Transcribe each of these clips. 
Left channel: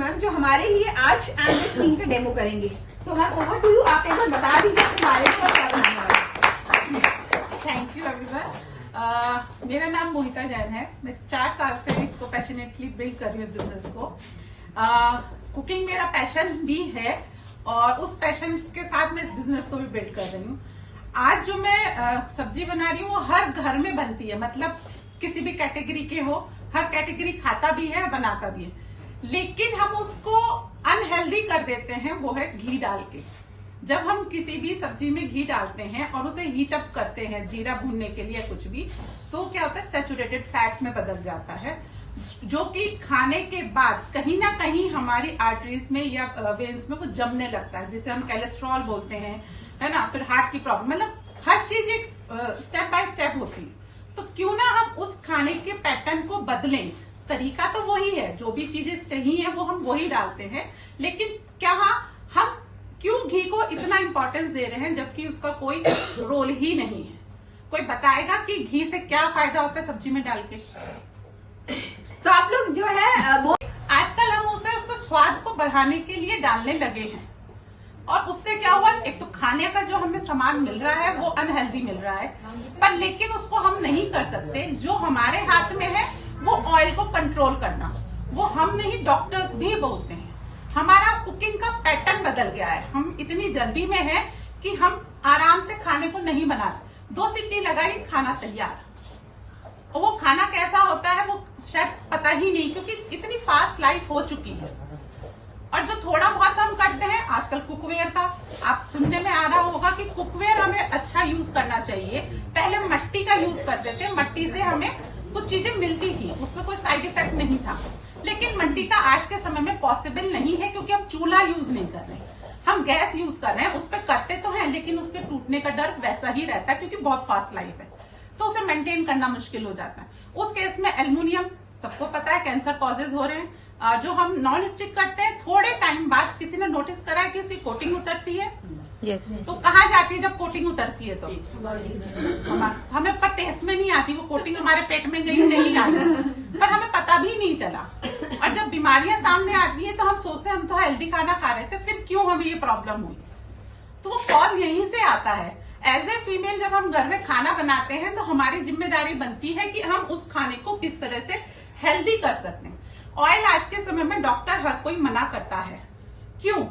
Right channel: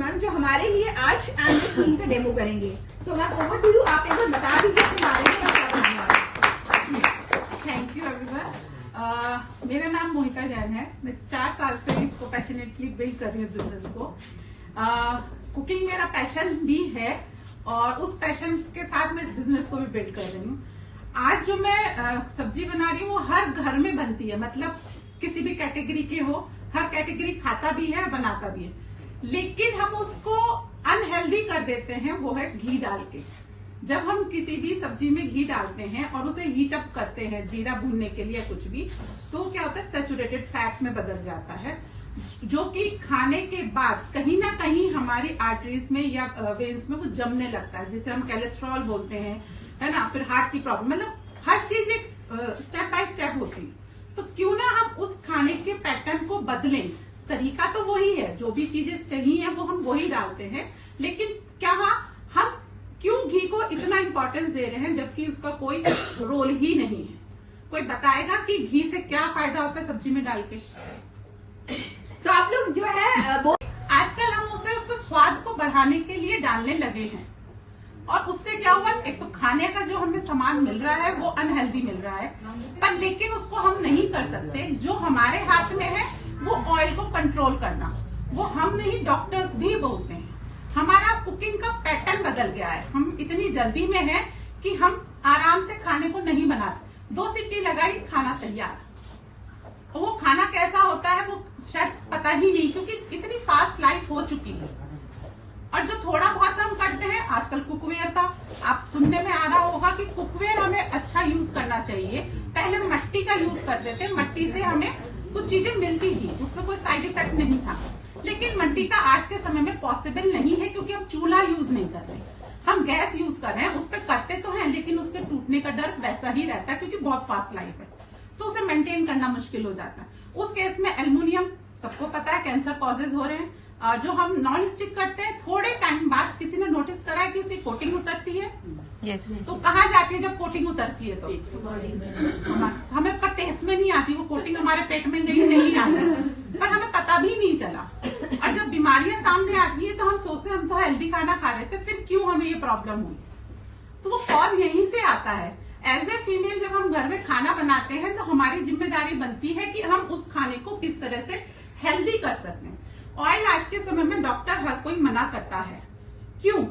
Ma'am जो हमारे लिए आज एंड्रॉइड क्वीन का डेमो करेंगे। So ma'am over to you, आप एक बार बता दीजिए अपने बारे में और क्या करना है। Thank you everyone. मेरा नाम मोहिता जैन है। मैं 4 साल से इसको पैशनेटली बिल्ड कर रही हूँ इस बिजनेस को। कुकिंग मेरा पैशन भी है और उस पैशन के साथ मैं इस बिजनेस को भी बिल्ड कर रही हूँ। आज जो मैं सब्जी बना रही हूँ वो हर घर में बनती है, मतलब किसी भी कैटेगरी के हो, हर कैटेगरी खाता भी है बनाता भी है, लेकिन हम उसको अनहेल्दी कर देते हैं, वो है घी डाल के। जब हम किसी भी सब्जी में घी डालते हैं और उसे हीट अप करते हैं जीरा भूनने के लिए कुछ भी, तो क्या होता है सैचुरेटेड फैट में बदल जाता है, जो कि खाने के बाद कहीं ना कहीं हमारी आर्टरीज में या वेन्स में वो जमने लगता है, जिसे हम कोलेस्ट्रॉल बोलते हैं, है ना। फिर हार्ट की प्रॉब्लम, मतलब हर चीज एक स्टेप बाय स्टेप होती है। तो क्यों ना हम उस खाने के पैटर्न को बदलें। तरीका तो वही है, जो भी चीजें चाहिए वो हम वही डालते हैं, लेकिन क्या हम क्यों घी को इतना इंपॉर्टेंस दे रहे हैं जबकि उसका कोई रोल ही नहीं है। कोई बताएगा कि घी से क्या फायदा होता है सब्जी में डाल के। सो आप लोग जो है आजकल हम उसको स्वाद को बढ़ाने के लिए डालने लगे हैं, और उससे क्या हुआ, एक तो खाने का जो हमें सामान मिल रहा है वो अनहेल्दी मिल रहा है, पर लेकिन उसको हम नहीं कर सकते। जो हमारे हाथ में है वो ऑयल को कंट्रोल करना, वो हम नहीं डॉक्टर्स भी बोलते हैं। हमारा कुकिंग का पैटर्न बदल गया है, हम इतनी जल्दी में है कि हम आराम से खाने को नहीं बनाते। 2 सीटी लगाई खाना तैयार, और वो खाना कैसा होता है वो शायद पता ही नहीं, क्योंकि इतनी फास्ट लाइफ हो चुकी है। और जो थोड़ा बहुत हम करते हैं आजकल कुकवेयर का, आप सुनने में आ रहा होगा कि कुकवेयर हमें अच्छा यूज करना चाहिए। पहले मट्टी का यूज करते थे, मट्टी से हमें कुछ चीजें मिलती थी, उसमें कोई साइड इफेक्ट नहीं था, लेकिन मट्टी का आज के समय में पॉसिबल नहीं है, क्योंकि हम चूल्हा यूज नहीं कर रहे हैं, हम गैस यूज कर रहे हैं। उस पर करते तो हैं, लेकिन उसके टूटने का डर वैसा ही रहता है, क्योंकि बहुत फास्ट लाइफ है, तो उसे मेंटेन करना मुश्किल हो जाता है। उस केस में एल्युमिनियम, सबको पता है कैंसर कॉजेज हो रहे हैं। जो हम नॉन स्टिक करते हैं, थोड़े टाइम बाद किसी ने नोटिस करा है कि उसकी कोटिंग उतरती है। yes. तो कहाँ जाती है जब कोटिंग उतरती है? तो हमें पर टेस्ट में नहीं आती वो कोटिंग, हमारे पेट में गई नहीं आई, पर हमें पता भी नहीं चला। और जब बीमारियां सामने आती है तो हम सोचते हैं हम तो हेल्दी खाना खा रहे थे, फिर क्यों हमें ये प्रॉब्लम हुई? तो वो कॉज यहीं से आता है। एज ए फीमेल जब हम घर में खाना बनाते हैं तो हमारी जिम्मेदारी बनती है कि हम उस खाने को किस तरह से हेल्दी कर सकते हैं। ऑयल आज के समय में डॉक्टर हर कोई मना करता है, क्यों?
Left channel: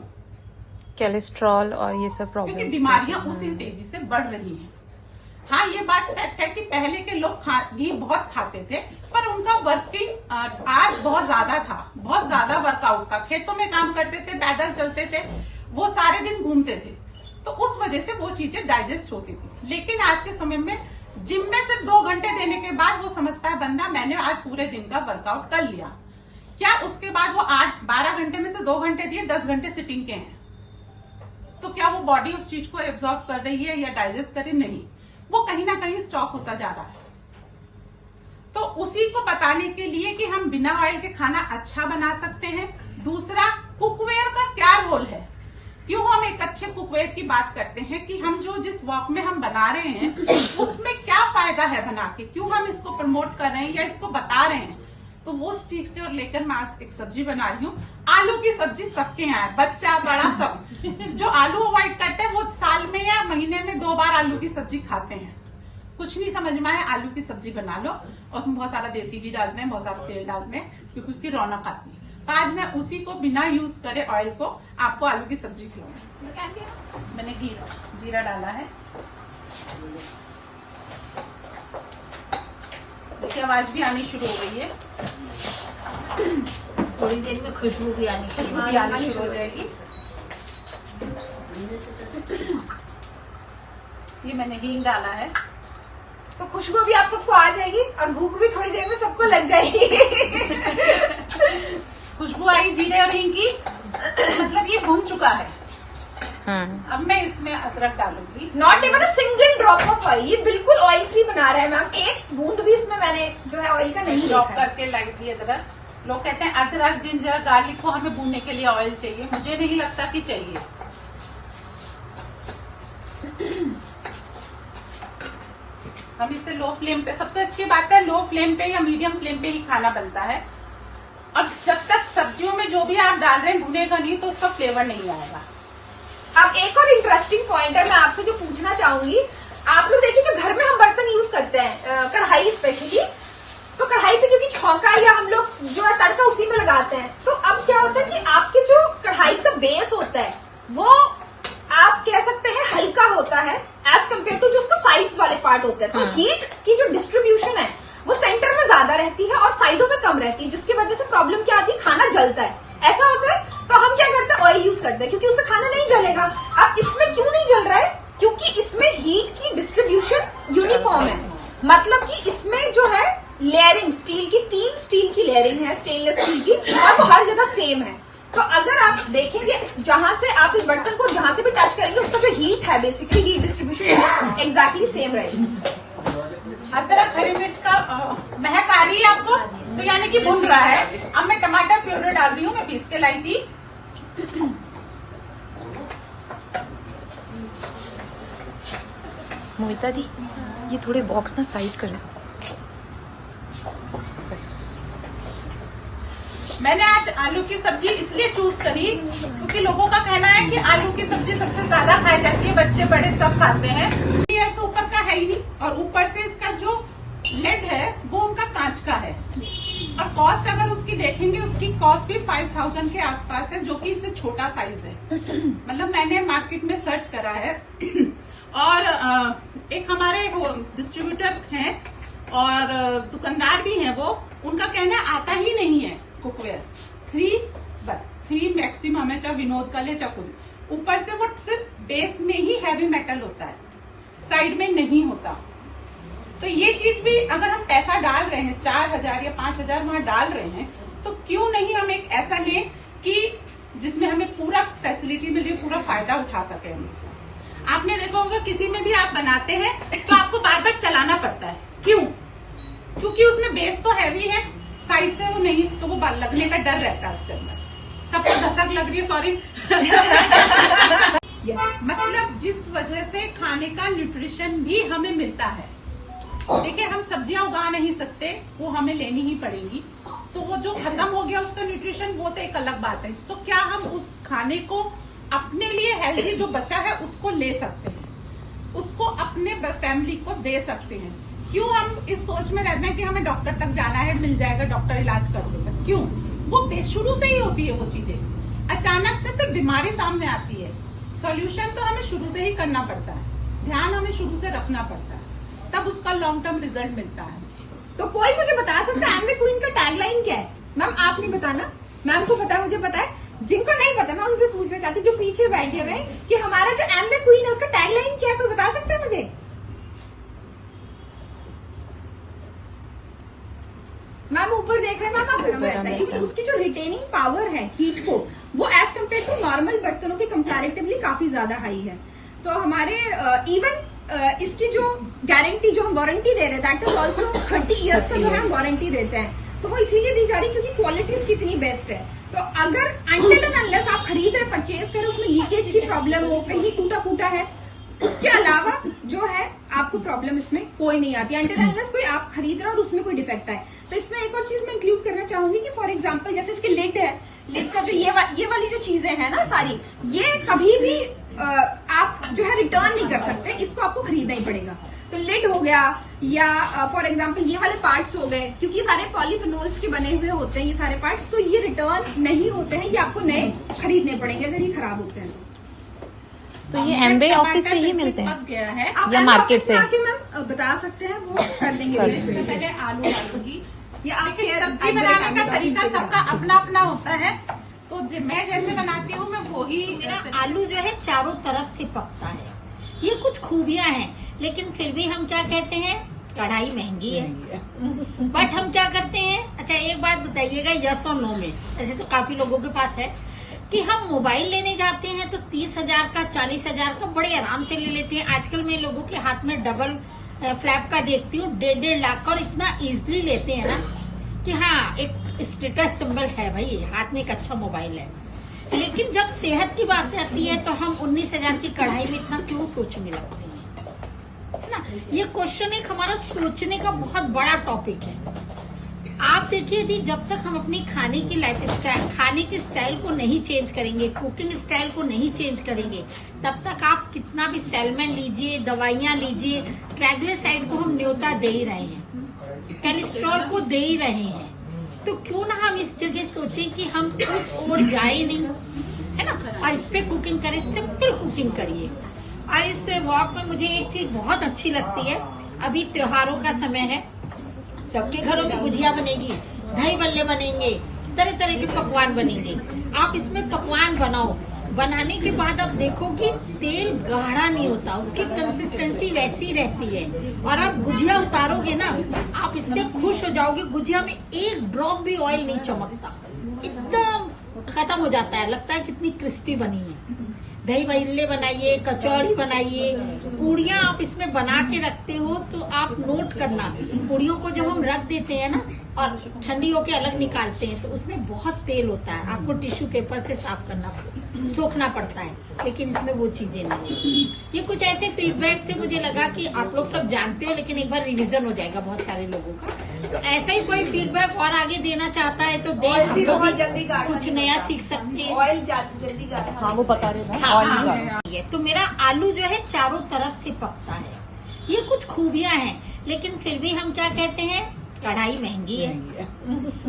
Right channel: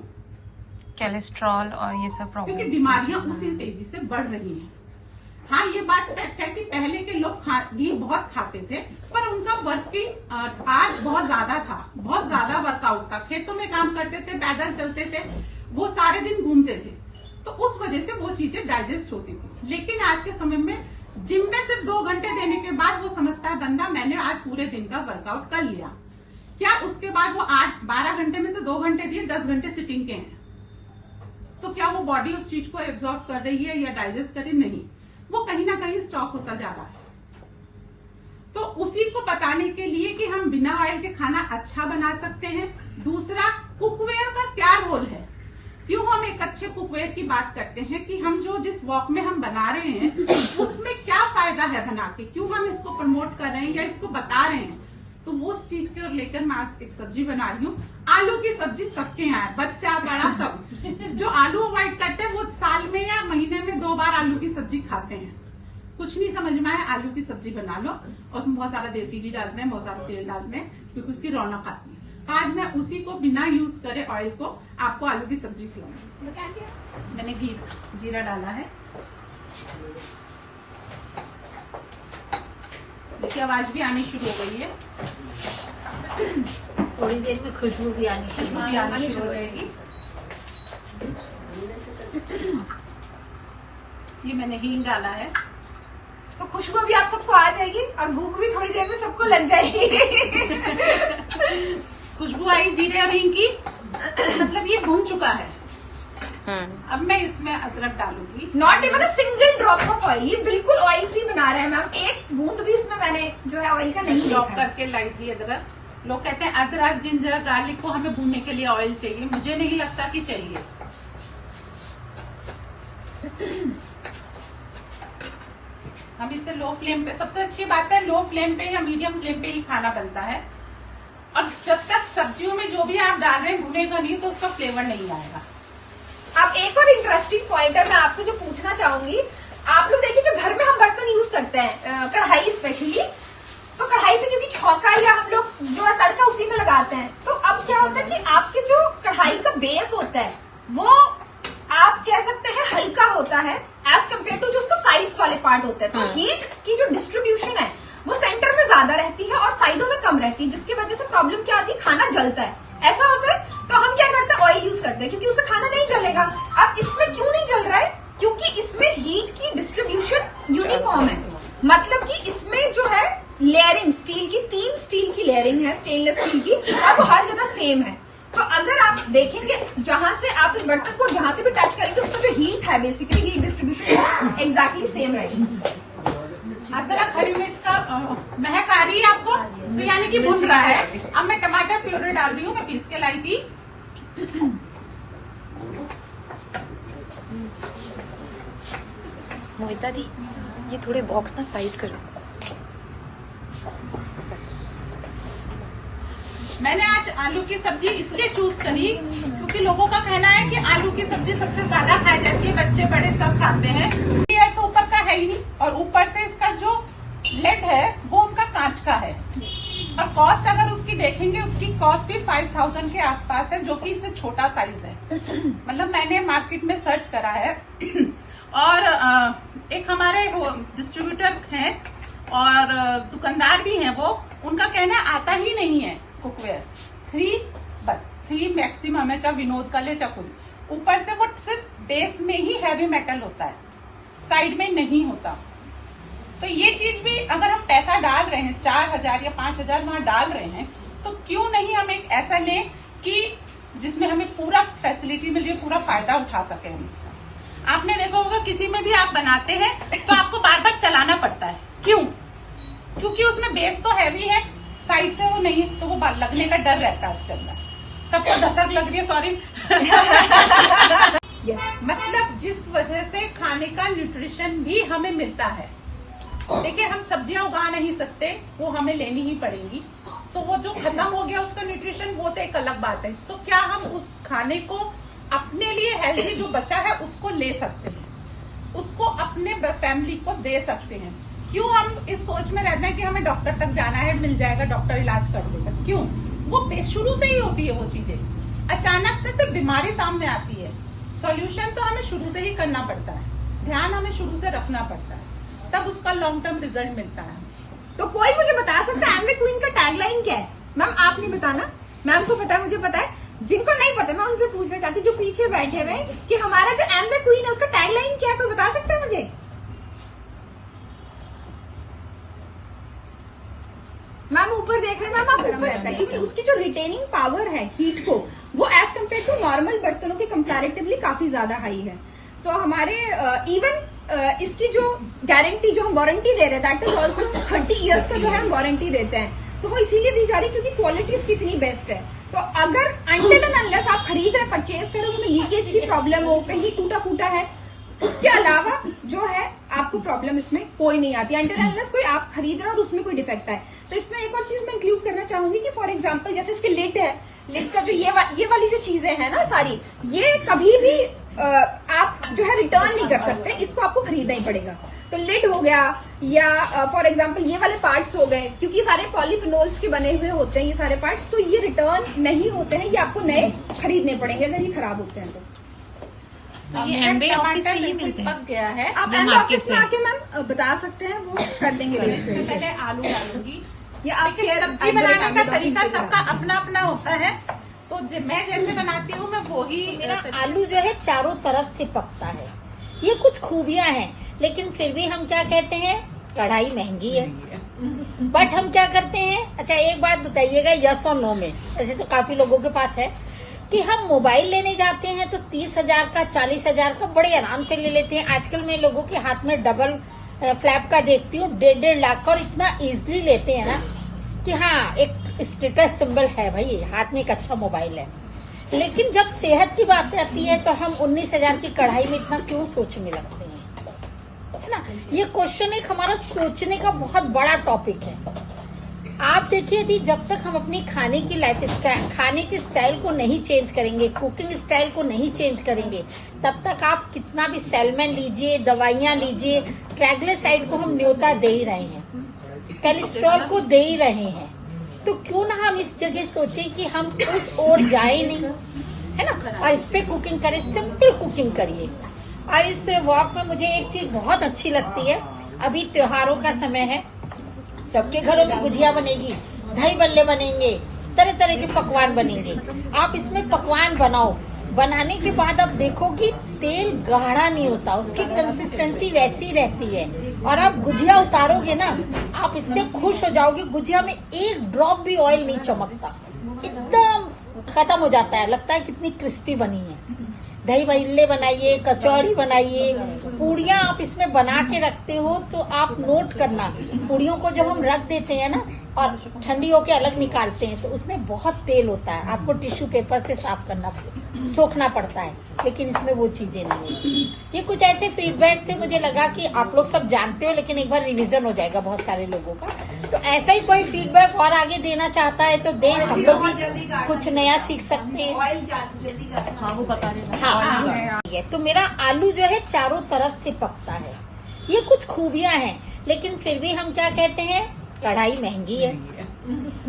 कोलेस्ट्रॉल और ये सब प्रॉब्लम, क्योंकि बीमारियां उसी तेजी से बढ़ रही हैं। हाँ, ये बात फैक्ट है कि पहले के लोग घी बहुत खाते थे, पर उनका वर्किंग आज बहुत ज्यादा था, बहुत ज्यादा वर्कआउट था, खेतों में काम करते थे, पैदल चलते थे, वो सारे दिन घूमते थे, तो उस वजह से वो चीजें डाइजेस्ट होती थी। लेकिन आज के समय में जिम में सिर्फ 2 घंटे देने के बाद वो समझता है बंदा मैंने आज पूरे दिन का वर्कआउट कर लिया। क्या उसके बाद वो 8-12 घंटे में से 2 घंटे दिए, 10 घंटे सिटिंग के हैं, तो क्या वो बॉडी उस चीज को एब्जॉर्ब कर रही है या डाइजेस्ट कर रही? नहीं, वो कहीं ना कहीं स्टॉक होता जा रहा है। तो उसी को बताने के लिए कि हम बिना ऑयल के खाना अच्छा बना सकते हैं। दूसरा, कुकवेयर का क्या रोल है, क्यों हम एक अच्छे कुकवेयर की बात करते हैं, कि हम जो जिस वॉक में हम बना रहे हैं उसमें क्या फायदा है बना के, क्यों हम इसको प्रमोट कर रहे हैं या इसको बता रहे हैं। तो वो चीज को लेकर मैं आज एक सब्जी बना रही हूँ। आलू की सब्जी सबके यहाँ है, बच्चा बड़ा सब। जो आलू अवॉइड करते हैं वो साल में या महीने में 2 बार आलू की सब्जी खाते हैं। कुछ नहीं समझ में आए, आलू की सब्जी बना लो, और उसमें बहुत सारा देसी घी डालते हैं, बहुत सारा तेल डालते हैं, क्योंकि उसकी रौनक आती है। आज मैं उसी को बिना यूज करे ऑयल को आपको आलू की सब्जी खिलाऊंगी। मैंने जीरा डाला है, देखिए आवाज भी आनी शुरू हो गई है, थोड़ी देर में खुशबू भी आनी शुरू हो जाएगी। ये मैंने हींग डाला है, तो खुशबू भी आप सबको आ जाएगी और भूख भी थोड़ी देर में सबको लग जाएगी। खुशबू आई जीरे और हींग की, मतलब ये भून चुका है। अब मैं इसमें अदरक डालूंगी, not even a single drop of oil, ये बिल्कुल ऑयल फ्री बना रहा है मैम, एक बूंद भी इसमें मैंने जो है ऑयल का नहीं ड्रॉप करके लाई थी अदरक। लोग कहते हैं अदरक जिंजर गार्लिक को हमें भूनने के लिए ऑयल चाहिए, मुझे नहीं लगता कि चाहिए। हम इसे लो फ्लेम पे, सबसे अच्छी बात है लो फ्लेम पे या मीडियम फ्लेम पे ही खाना बनता है। और जब तक सब्जियों में जो भी आप डाल रहे हैं भुनेगा नहीं तो उसका फ्लेवर नहीं आएगा। अब एक और इंटरेस्टिंग पॉइंट है, मैं आपसे जो पूछना चाहूंगी, आप लोग देखिए जो घर में हम बर्तन यूज करते हैं, कढ़ाई स्पेशली, तो कढ़ाई पे क्योंकि छौंका या हम लोग जो है तड़का उसी में लगाते हैं, तो अब क्या होता है कि आपके जो कढ़ाई का बेस होता है वो आप कह सकते हैं हल्का होता है एज कम्पेयर टू जो उसका साइड्स वाले पार्ट होते हैं। तो हीट की जो डिस्ट्रीब्यूशन है वो सेंटर में ज्यादा रहती है और साइडों में कम रहती है, जिसकी वजह से प्रॉब्लम क्या आती है, खाना जलता है। ऐसा होता है तो हम क्या करते हैं, ऑयल यूज करते हैं क्योंकि उससे खाना नहीं जलेगा। अब इसमें क्यों नहीं जल रहा है, क्योंकि इसमें हीट की डिस्ट्रीब्यूशन यूनिफॉर्म है, मतलब कि इसमें जो है लेयरिंग स्टील की 3 स्टील की लेयरिंग है, स्टेनलेस स्टील की, और वो हर जगह सेम है। तो अगर आप देखेंगे जहां से आप इस बर्तन को जहां से भी टच करेंगे उसका जो हीट है, basically heat distribution exactly same रहेगी। अदरक हरी मिर्च का महक आ रही है आपको, तो यानी कि भून रहा है। अब मैं टमाटर प्यूरी डाल रही हूँ, मैं पीस के लाई थी। मोहिता दी, ये थोड़े बॉक्स ना साइड कर दो बस। मैंने आज आलू की सब्जी इसलिए चूज करी क्योंकि लोगों का कहना है कि आलू की सब्जी सबसे ज्यादा खाई जाती है, बच्चे बड़े सब खाते हैं। ये ऐसा ऊपर का है ही नहीं, और ऊपर से इसका जो लेड है वो उनका कांच का है, और कॉस्ट अगर उसकी देखेंगे, उसकी कॉस्ट भी 5000 के आसपास है, जो कि इससे छोटा साइज है। मतलब मैंने मार्केट में सर्च करा है, और एक हमारे डिस्ट्रीब्यूटर हैं और दुकानदार भी हैं, वो उनका कहना आता ही नहीं है कुकवेयर। 3 मैक्सिमम है, चाहे विनोद का ले चाहे कुछ। ऊपर से वो सिर्फ बेस में ही हैवी मेटल होता है, साइड में नहीं होता। तो ये चीज भी अगर हम पैसा डाल रहे हैं 4000 या 5000 वहां डाल रहे हैं, तो क्यों नहीं हम एक ऐसा लें कि जिसमें हमें पूरा फैसिलिटी मिले, पूरा फायदा उठा सके हम इसका। आपने देखा होगा किसी में भी आप बनाते हैं तो आपको बार बार चलाना पड़ता है, क्यों? क्योंकि उसमें बेस तो हैवी है, साइड से वो नहीं, तो वो लगने का डर रहता है उसके अंदर। सबको धसक लग रही है, सॉरी। मतलब जिस वजह से खाने का न्यूट्रिशन भी हमें मिलता है। देखिए, हम सब्जियां उगा नहीं सकते, वो हमें लेनी ही पड़ेगी, तो वो जो खत्म हो गया उसका न्यूट्रिशन, वो तो एक अलग बात है। तो क्या हम उस खाने को अपने लिए हेल्थी जो बचा है उसको ले सकते हैं, उसको अपने फैमिली को दे सकते हैं? क्यों हम इस सोच में रहते हैं कि हमें डॉक्टर तक जाना है, मिल जाएगा, डॉक्टर इलाज कर देगा? क्यों? वो शुरू से ही होती है वो चीजें, अचानक से सिर्फ बीमारी सामने आती है। सॉल्यूशन तो हमें शुरू से ही करना पड़ता है, ध्यान हमें शुरू से रखना पड़ता है, तब उसका लॉन्ग टर्म रिजल्ट मिलता है। तो कोई मुझे बता सकता है एमवे क्वीन का टैगलाइन क्या है? मैम आप नहीं बताना, मैम को पता है, मुझे पता है। जिनको नहीं पता मैं उनसे पूछना चाहती, जो पीछे बैठे हुए, कि हमारा जो एमवे क्वीन है उसका टैगलाइन क्या है, कोई बता सकता है मुझे? मैम ऊपर देख रहे हैं, मैम आप गर्म रहता है क्योंकि उसकी जो रिटेनिंग पावर है हीट को, वो एज कम्पेयर टू नॉर्मल बर्तनों के कंपैरेटिवली काफी ज्यादा हाई है। तो हमारे इवन इसकी जो गारंटी, जो हम वारंटी दे रहे हैं, दैट इज ऑल्सो 30 ईयर्स का जो है हम वारंटी देते हैं। सो वो इसीलिए दी जा रही क्योंकि क्वालिटी इसकी इतनी बेस्ट है। तो अगर अनटिल एंड अनलेस आप खरीद रहे, परचेज कर रहे, उसमें लीकेज की प्रॉब्लम हो, कहीं टूटा फूटा है, उसके अलावा जो है आपको प्रॉब्लम इसमें कोई नहीं आती। अनटिल एंड अनलेस कोई आप खरीद रहे हो और उसमें कोई डिफेक्ट है। तो इसमें एक और चीज मैं इंक्लूड करना चाहूंगी कि फॉर एग्जाम्पल जैसे इसके लिड है, लिड का जो ये वाली जो चीजें है ना सारी, ये कभी भी आप जो है रिटर्न नहीं कर सकते, इसको आपको खरीदना ही पड़ेगा। तो लिड हो गया, या फॉर एग्जाम्पल ये वाले पार्ट्स हो गए, क्योंकि सारे पॉलीफिनोल्स के बने हुए होते हैं ये सारे पार्ट्स, तो ये रिटर्न नहीं होते हैं, ये आपको नए खरीदने पड़ेंगे अगर ये खराब होते हैं तो ये एमवे ऑफिस से ही मिलते हैं पक गया है, आप या एमवे मार्केट ऑफिस से? में आके मैम बता सकते हैं, वो कर देंगे। पहले आलू डालूंगी। ये आपके सब्जी बनाने का तरीका सबका अपना अपना होता है, तो मैं जैसे बनाती हूँ मैं वही। मेरा आलू जो है चारों तरफ से पकता है, ये कुछ खूबियां हैं, लेकिन फिर भी हम क्या कहते हैं, कढ़ाई महंगी है, बट हम क्या करते हैं। अच्छा एक बात बताइएगा, यस और नो में, ऐसे तो काफी लोगों के पास है कि हम मोबाइल लेने जाते हैं तो 30,000 का 40,000 का बड़े आराम से ले लेते हैं। आजकल मैं लोगों के हाथ में डबल फ्लैप का देखती हूँ, 1.5 लाख का, और इतना इजीली लेते हैं ना कि हाँ एक स्टेटस सिंबल है भाई, हाथ में एक अच्छा मोबाइल है। लेकिन जब सेहत की बात आती है तो हम 19,000 की कढ़ाई में इतना क्यों सोचने लगते हैं, है ना? ये क्वेश्चन एक हमारा सोचने का बहुत बड़ा टॉपिक है आप देखिए यदि जब तक हम अपनी खाने की लाइफ स्टाइल, खाने के स्टाइल को नहीं चेंज करेंगे, कुकिंग स्टाइल को नहीं चेंज करेंगे, तब तक आप कितना भी सैल्मन लीजिए, दवाइयां लीजिए, ट्राइग्लिसराइड को हम न्योता दे ही रहे हैं, कोलेस्ट्रॉल को दे ही रहे हैं। तो क्यों ना हम इस जगह सोचें कि हम उस ओर जाए नहीं, है ना, और इस पे कुकिंग करें, सिंपल कुकिंग करिए। और इस वॉक में मुझे एक चीज बहुत अच्छी लगती है, अभी त्योहारों का समय है, सबके घरों में गुजिया बनेगी, दही बल्ले बनेंगे, तरह तरह के पकवान बनेंगे। आप इसमें पकवान बनाओ, बनाने के बाद आप देखोगे तेल गाढ़ा नहीं होता, उसकी कंसिस्टेंसी वैसी रहती है। और आप गुजिया उतारोगे ना, आप इतने खुश हो जाओगे, गुजिया में एक ड्रॉप भी ऑयल नहीं चमकता, एकदम खत्म हो जाता है, लगता है कितनी क्रिस्पी बनी है। दही बल्ले बनाइए, कचौड़ी बनाइए, पूड़ियाँ आप इसमें बना के रखते हो तो आप नोट करना, पूड़ियों को जब हम रख देते हैं ना और ठंडी होके अलग निकालते हैं तो उसमें बहुत तेल होता है, आपको टिश्यू पेपर से साफ करना, सोखना पड़ता है, लेकिन इसमें वो चीजें नहीं है। ये कुछ ऐसे फीडबैक थे, मुझे लगा कि आप लोग सब जानते हो, लेकिन एक बार रिवीजन हो जाएगा बहुत सारे लोगों का। तो ऐसा ही कोई फीडबैक और आगे देना चाहता है तो दे, हम लोग भी कुछ नया सीख सकते हैं। ऑयल जल्दी गाढ़ा वो पता नहीं। हाँ, तो मेरा आलू जो है चारों तरफ से पकता है, ये कुछ खूबियां हैं, लेकिन फिर भी हम क्या कहते हैं, कढ़ाई महंगी है।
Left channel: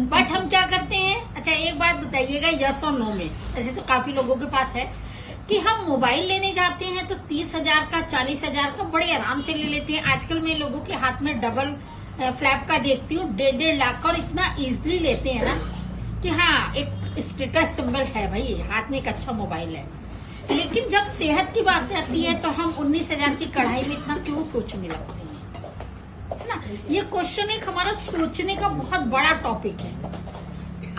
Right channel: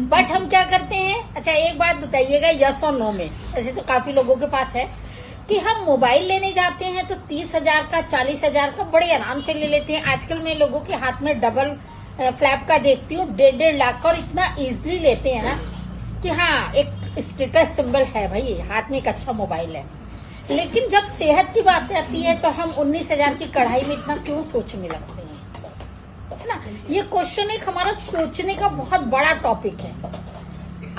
बट हम क्या करते हैं, अच्छा एक बात बताइएगा यस और नो में, ऐसे तो काफी लोगों के पास है कि हम मोबाइल लेने जाते हैं तो 30,000 का 40,000 का बड़े आराम से ले लेते हैं। आजकल मैं लोगों के हाथ में डबल फ्लैप का देखती हूँ, 1.5 लाख का, और इतना इजिली लेते हैं ना कि हाँ एक स्टेटस सिंबल है भाई, हाथ में एक अच्छा मोबाइल है। लेकिन जब सेहत की बात आती है तो हम 19,000 की कढ़ाई में इतना क्यों सोचने लगते हैं, है ना। ये क्वेश्चन एक हमारा सोचने का बहुत बड़ा टॉपिक है।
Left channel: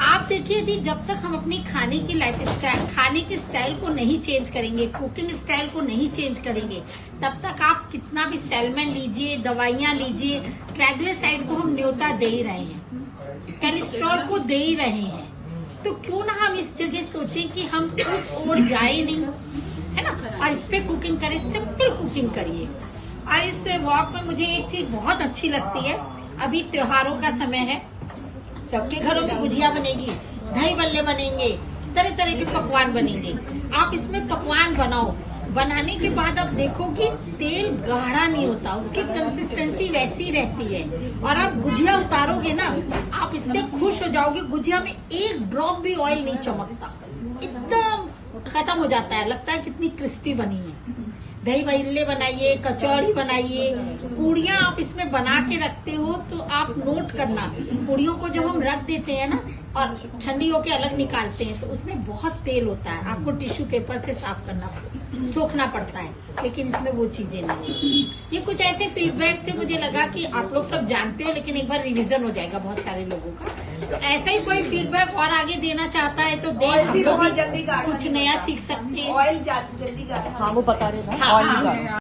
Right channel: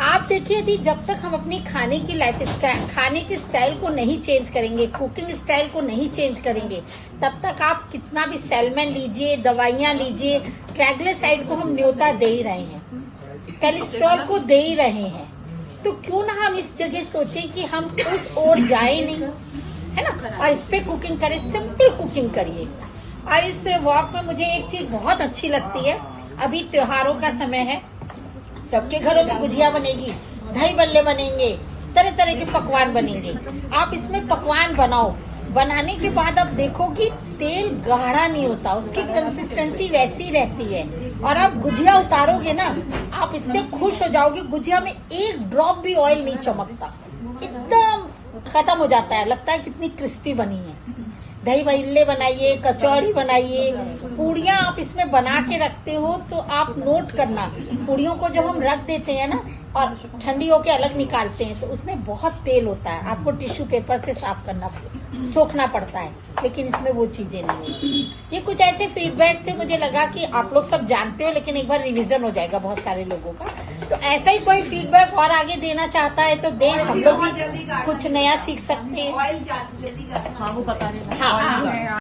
आप देखिए यदि जब तक हम अपनी खाने की लाइफ स्टाइल, खाने के स्टाइल को नहीं चेंज करेंगे, कुकिंग स्टाइल को नहीं चेंज करेंगे, तब तक आप कितना भी सैल्मन लीजिए, दवाइयां लीजिए, ट्राइग्लिसराइड को हम न्योता दे ही रहे हैं, कोलेस्ट्रॉल को दे ही रहे हैं। तो क्यों ना हम इस जगह सोचें कि हम उस ओर जाए नहीं, है ना, और इस पे कुकिंग करें, सिंपल कुकिंग करिए। और इस वॉक में मुझे एक चीज बहुत अच्छी लगती है, अभी त्योहारों का समय है, सबके घरों में गुजिया बनेगी, दही बल्ले बनेंगे, तरह तरह के पकवान बनेंगे। आप इसमें पकवान बनाओ, बनाने के बाद आप देखोगे तेल गाढ़ा नहीं होता, उसकी कंसिस्टेंसी वैसी रहती है। और आप गुजिया उतारोगे ना, आप इतने खुश हो जाओगे, गुजिया में एक ड्रॉप भी ऑयल नहीं चमकता, एकदम खत्म हो जाता है, लगता है कितनी क्रिस्पी बनी है। दही बल्ले बनाइए, कचौड़ी बनाइए, पूड़ियाँ आप इसमें बना के रखते हो तो आप नोट करना, पूड़ियों को जब हम रख देते हैं ना और ठंडी होके अलग निकालते हैं तो उसमें बहुत तेल होता है, आपको टिश्यू पेपर से साफ करना, सोखना पड़ता है, लेकिन इसमें वो चीजें नहीं है। ये कुछ ऐसे फीडबैक थे, मुझे लगा कि आप लोग सब जानते हो, लेकिन एक बार रिवीजन हो जाएगा बहुत सारे लोगों का। तो ऐसा ही कोई फीडबैक और आगे देना चाहता है तो दे, हम लोग भी कुछ नया सीख सकते हैं। ऑयल जल्दी गाढ़ा वो पता नहीं। हाँ।